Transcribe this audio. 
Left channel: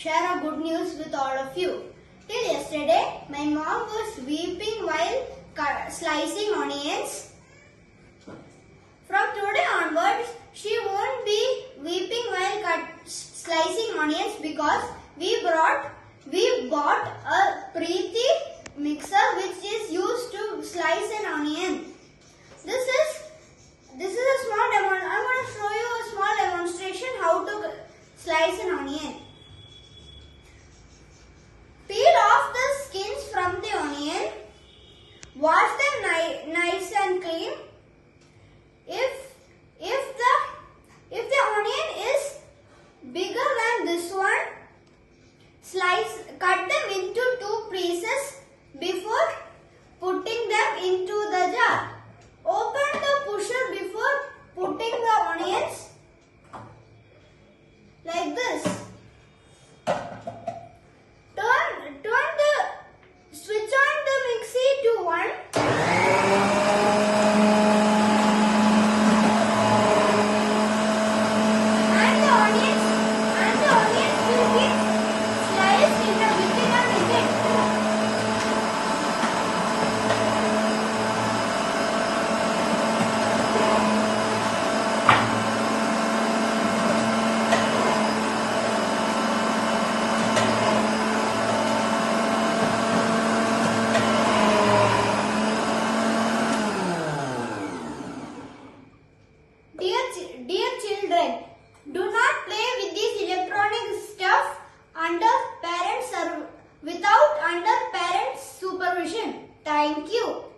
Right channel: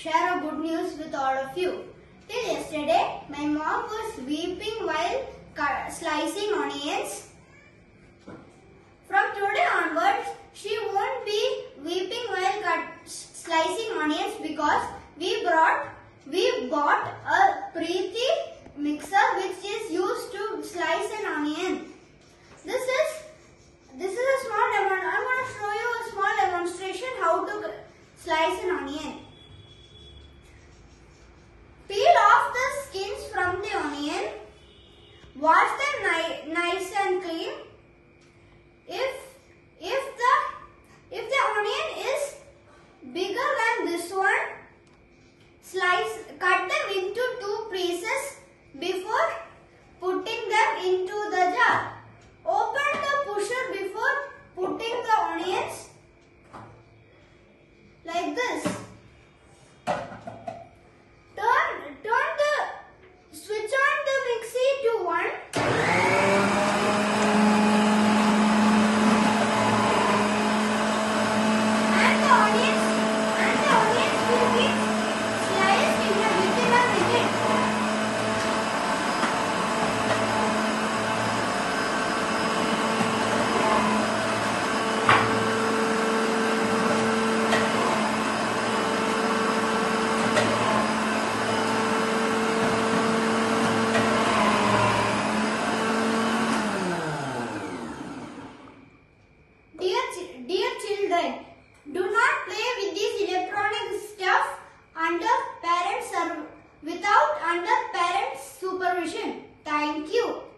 share a good news with all of you. Till yesterday, my mom was weeping while slicing onions. From today onwards, she won't be weeping while slicing onions because we bought a Preeti mixer which is used to slice an onion. This is a small demo. I'm going to show you a small demonstration how to slice an onion. Peel off the skins from the onion. Wash them nice and clean. If the onion is bigger than this one, cut them into 2 pieces before putting them into the jar. Open the pusher before putting the onions like this. Switch on the mixie to 1. And the onions will be sliced in within a minute. Dear children, do not play with this electronic stuff without parents' supervision. Thank you.